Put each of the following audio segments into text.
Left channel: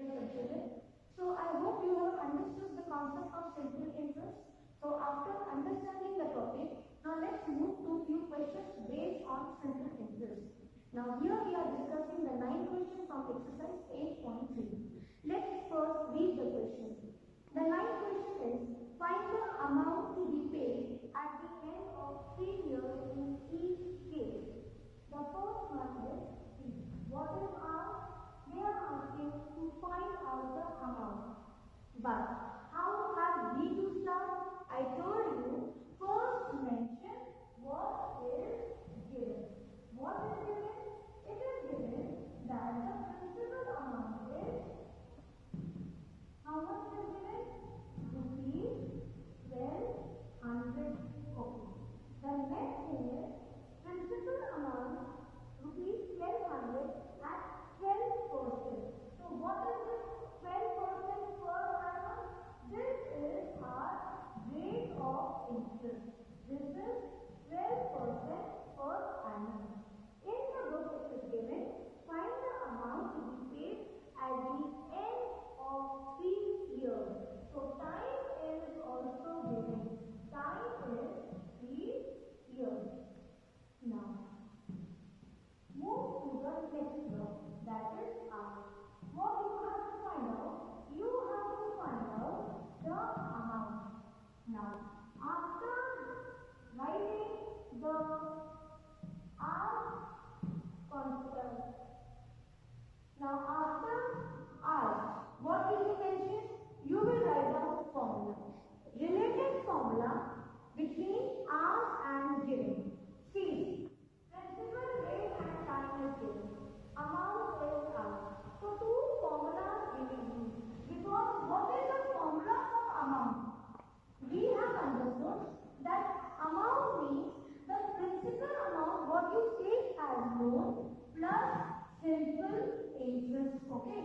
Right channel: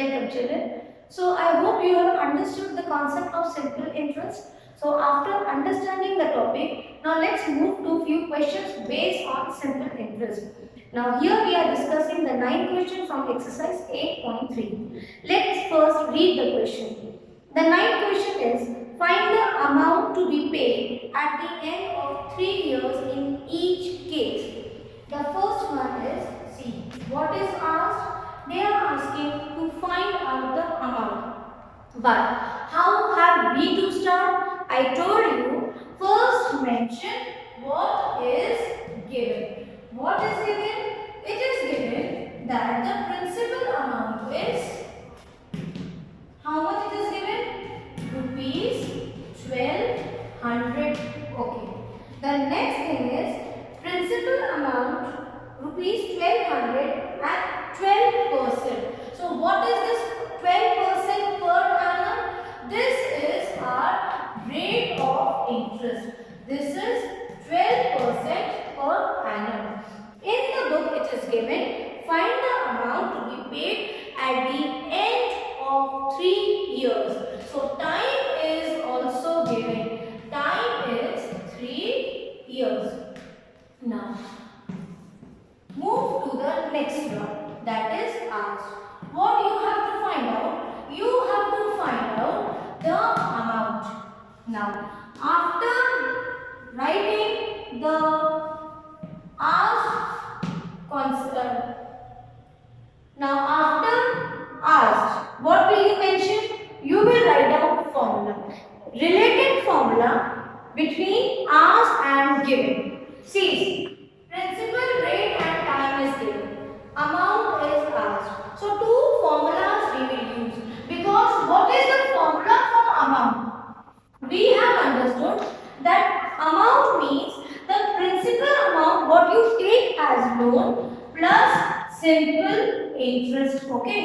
Welcome children. So I hope you have understood the concept of simple interest. So after understanding the topic, now let's move to few questions based on simple interest. Now here we are discussing the 9th question from exercise 8.3. Let's first read the question. The 9th question is, find the amount to be paid at the end of 3 years in each case. The first one is, see, what is asked? They are asking to find out the amount. But how have we to start? I told you, first mention what is given. What is given? It is given that the principal amount is, how much it is given? Rupees 1200. Okay. The next thing is, principal amount rupees 1200 at 12%. So what is this 12% per annum? This is our rate of interest. This is 12% per annum. In the book it is given, find the amount to be paid at the end of 3 years. So time is also given. Time is 3 years. Now move to the next one, that is asked. What you have to find out? You have to find out the amount. Now, after writing the asked constant, now after asked, what will you mention? You will write down formula. Related formula between asked and given. See, principal rate and time is given. Amount is asked. So two formulas we will use. Because what is the formula for amount? We have understood that amount means the principal amount what you take as loan plus simple interest. Okay.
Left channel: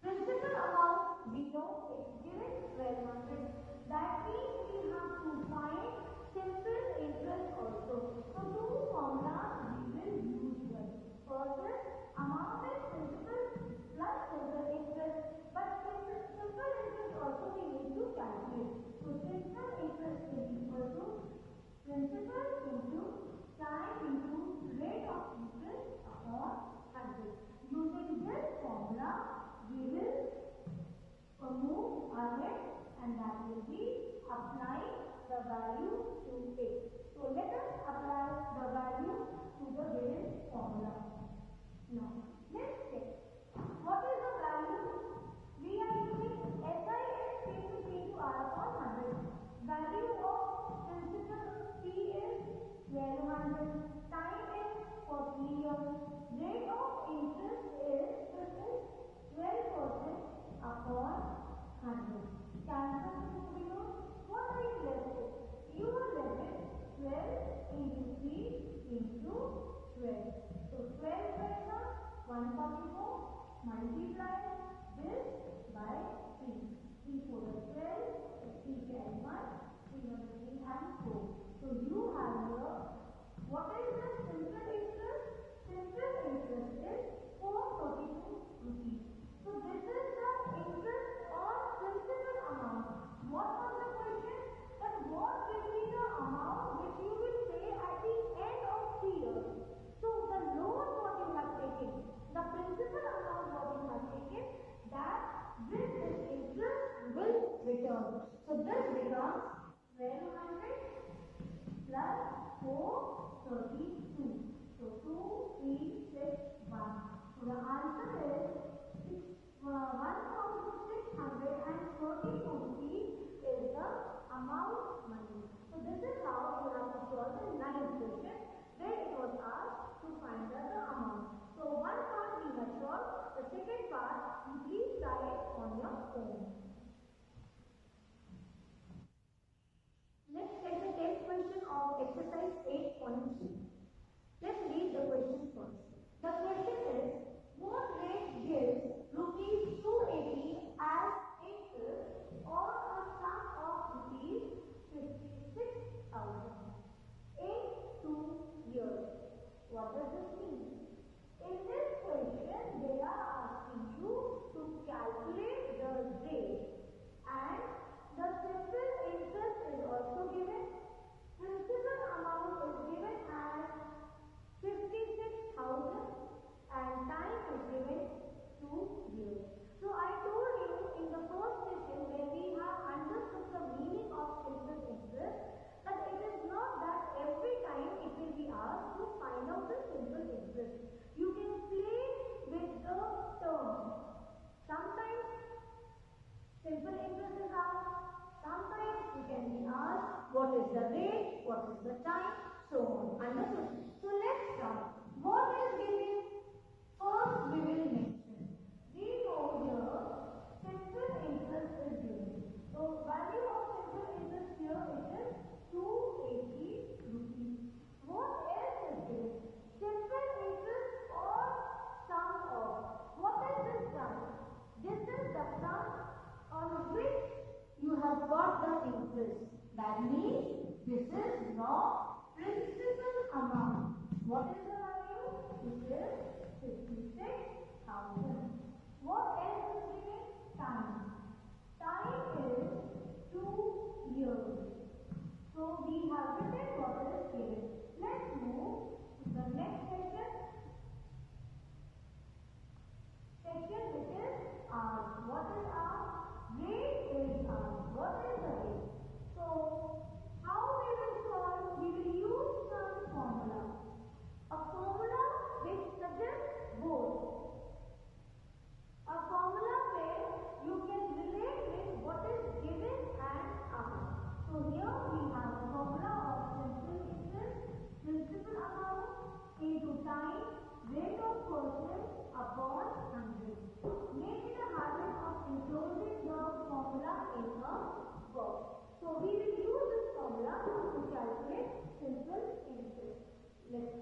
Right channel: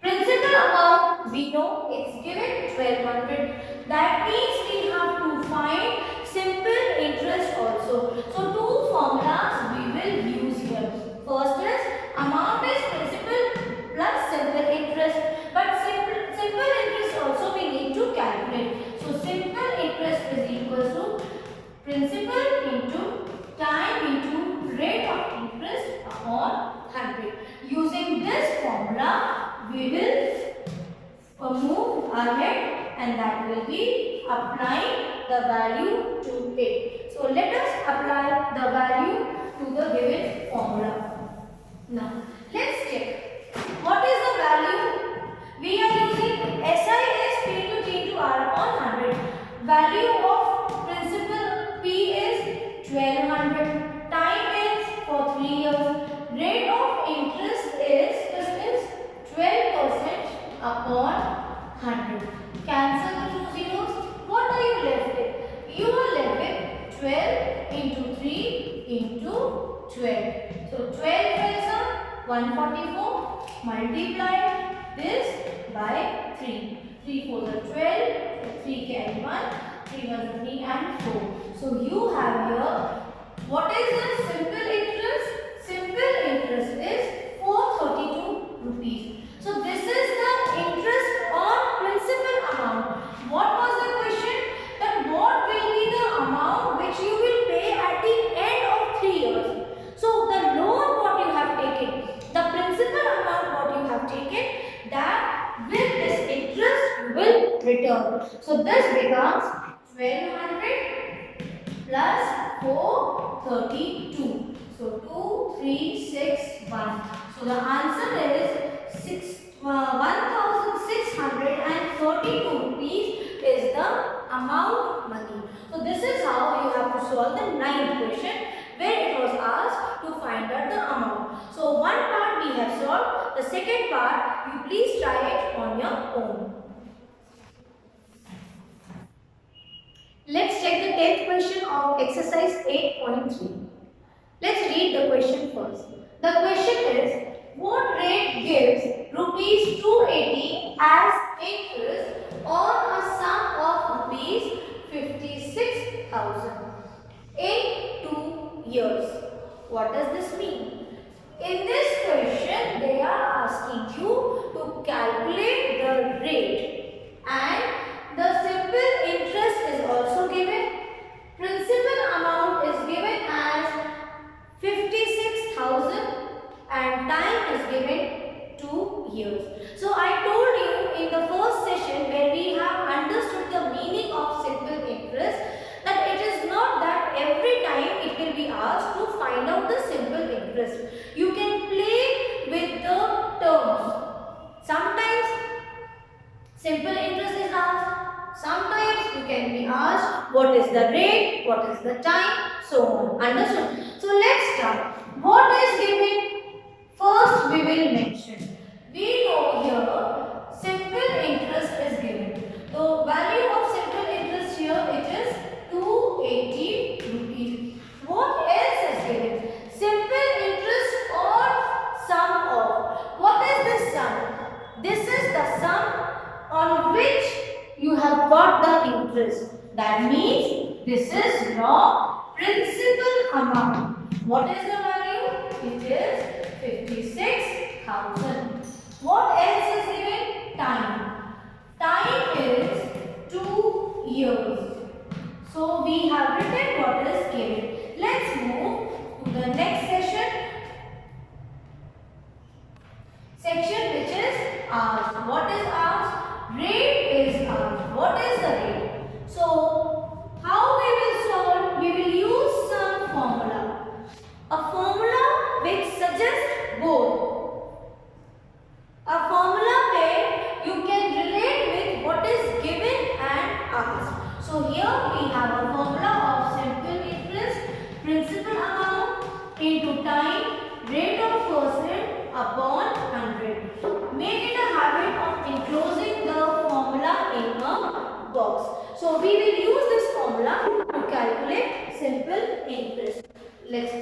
Principal amount we know it's given 1200. That means we have to find simple interest also. So two formulas we will use here. First is amount is principal plus simple interest. But simple interest also we need to calculate. So simple interest is equal to principal into time into rate of interest upon 100. Using this formula we will move ahead and that will be applying the value to it. So let us apply the value to the given formula. Now let's check. What is the value? We are using SI is P into T into R upon 100. Value of principal P is 1200. Time is for 3 years. Rate of interest is 12% upon 100. Cancel the two zeros. What are you left with? You are left with 12 into 3 into 12. So 12 is 144. Multiply this by 3. 3 4 is 12. 3 carry 1. 3 1 is 3 and 4. So you have here, what is the simple interest? Simple interest is 432 rupees. So this is the interest on principal amount. What was the question? That what will be the amount which you will pay at the end of 3 years? So the loan what you have taken, the principal amount what you have taken, that with this interest you will return. So this becomes 1200 plus 432. So 2361. So the answer is 1632 rupees is the amount money. So this is how you have to solve the 9th question where it was asked to find out the amount. So one part we have solved. The second part you please try it on your own. Let's check the 10th question of exercise 8.3. Let's read the question first. The question is, what rate gives rupees 280 as interest on a sum of rupees 56,000 in 2 years? What does this mean? In this question, they are asking you to calculate been asked what is the rate, what is the time, so on. Understood? So let's start. What is given? First we will mention. We know here simple interest is given. The value of simple interest here it is 280 rupees. What else is given? Simple interest or sum of. What is this sum? This is the sum on which you have got the interest. That means this is your principal amount. What is the value? It is 56,000. What else is given? Time. Time is 2 years. So we have written what is given. Let's move to the next section which is asked. What is asked? Rate is asked. What is the rate? So how we will solve? We will use some formula. A formula which suggests both. A formula where you can relate with what is given and asked. So here we have a formula of simple interest, principal amount into time, rate of percent upon 100. Make it a habit of enclosing the formula in a box. So we will use this formula to calculate simple interest. Let's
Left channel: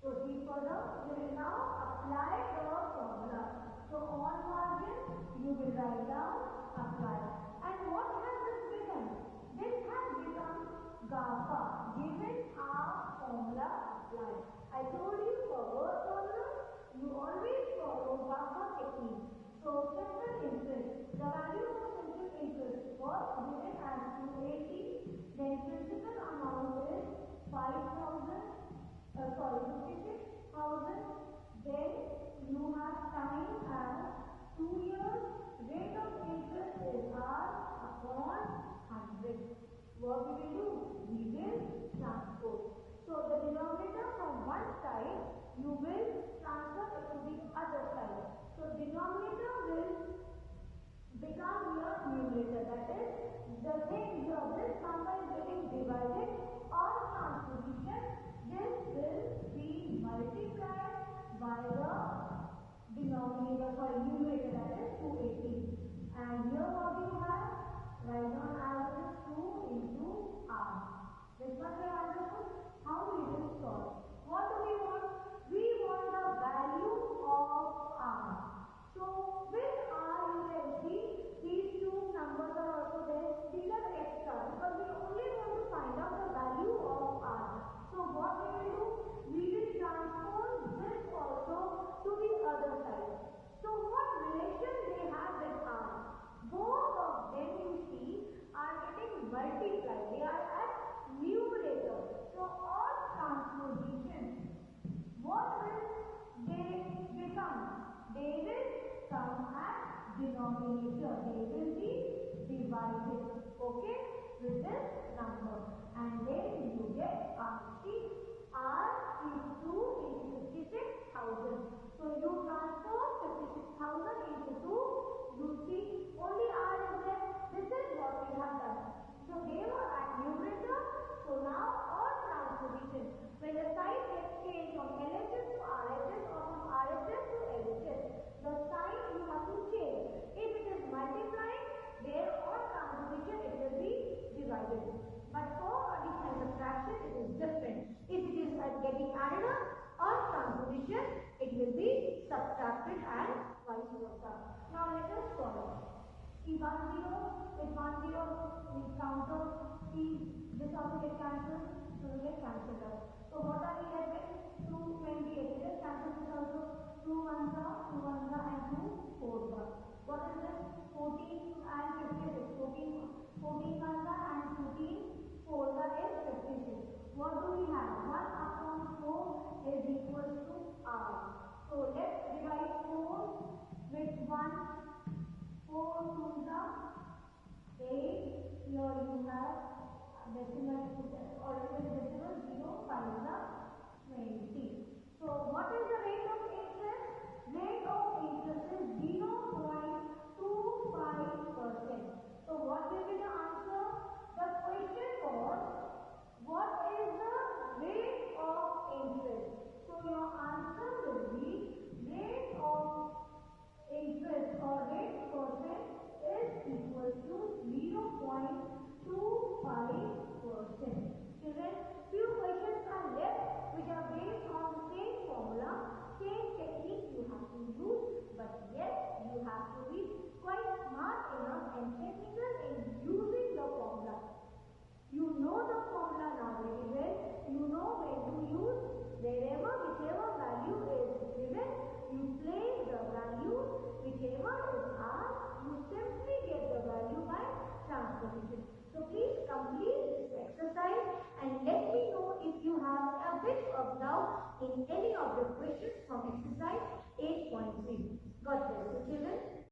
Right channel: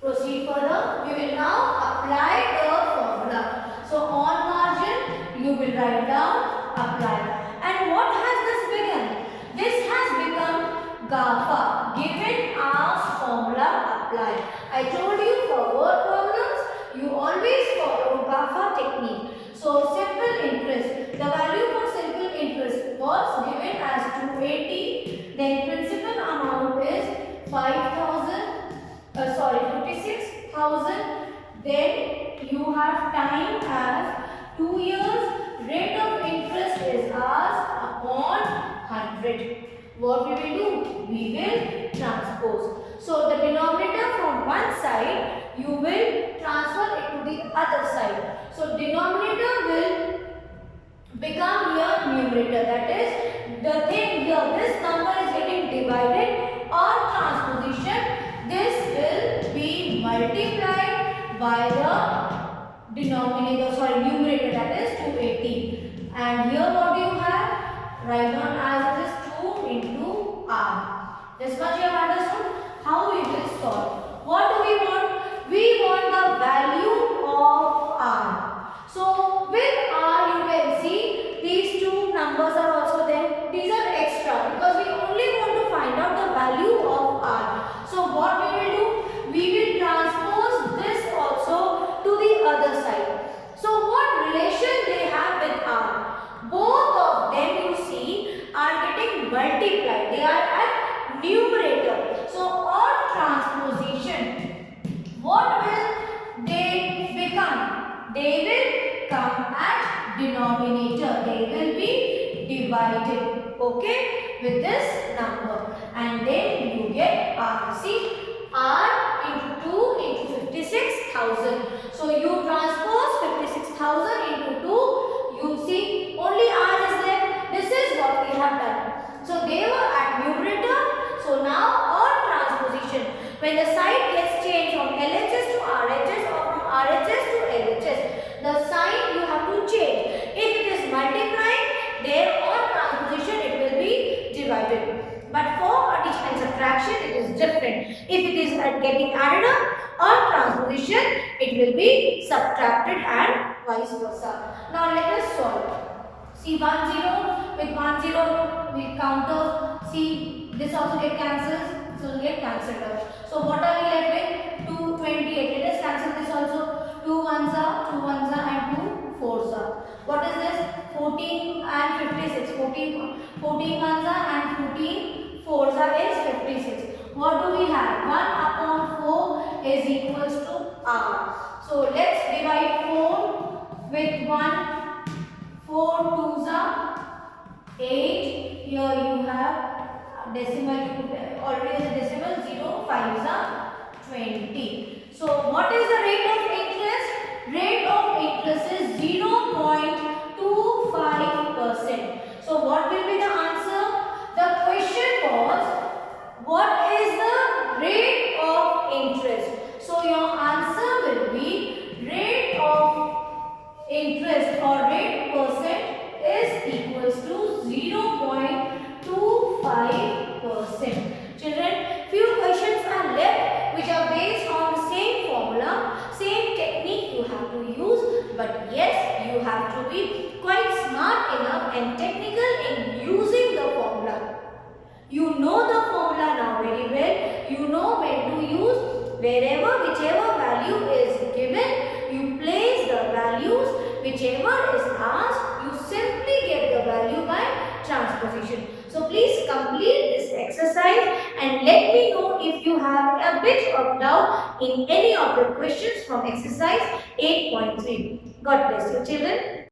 proceed further. We will now apply the formula. So on margin you will write down apply. And what has this become? This has become GAFA, given as formula apply. I told you for word problems you always follow GAFA technique. So simple interest, the value for simple interest was given as 280. Then principal amount is 56,000. Then you have time as 2 years. Rate of interest is asked upon 100. What we will do? We will transpose. So the denominator from one side you will transfer it to the other side. So denominator will become here numerator. That is the thing here. This number is getting divided on transposition. This will be multiplied by the numerator, that is 280. And here what do you have? Write down as it is 2 into r. This much you have understood. How we will solve? What do we want? We want the value of r. So with r you can see these two numbers are also there. These are extra because we only want to find out the value of r. So what we will do? We will transpose this also to the other side. So what relation they have with r? Both of them you see are getting multiplied. They are at numerator. So on transposition, what will they become? They will come at denominator. They will be divided. Okay, with this number. And then you get r. See, r into 2 into 56,000. So you transpose 56,000 into 2. You see only r is there. This is what we have done. So they were at numerator. So now on transposition, when the sign gets changed from LHS to RHS or from RHS to LHS, the sign you have to change. If it is multiplying, there on transposition it will be divided. But for addition and subtraction it is different. If it is getting added up on transposition, it will be subtracted and vice versa. Now let us solve. See 1 0 with 1 0 we counter. See this also get cancelled. So will get cancelled out. So what are we left with? 228. Let us cancel this also. 2 ones are and 2 fours are. What is this? 14 and 56. 14 ones are and 14 fours are is 56. What do we have? 1 upon 4 is equals to r. So let's divide 4 with 1. 4 twos are 8. Here you have decimal, already is a decimal. 0 5s are 20. So what is the rate of interest? Rate of interest is 0.25%. So what will be the answer? The equals to 0.25%. Children, few questions are left which are based on the same formula, same technique you have to use, but yes, you have to be quite smart enough and technical in using the formula. You know the formula now very well. You know when to use. Wherever, whichever value is given, you place the values. Whichever is asked, you simply get the value by transposition. So please complete this exercise and let me know if you have a bit of doubt in any of the questions from exercise 8.3. God bless you, children.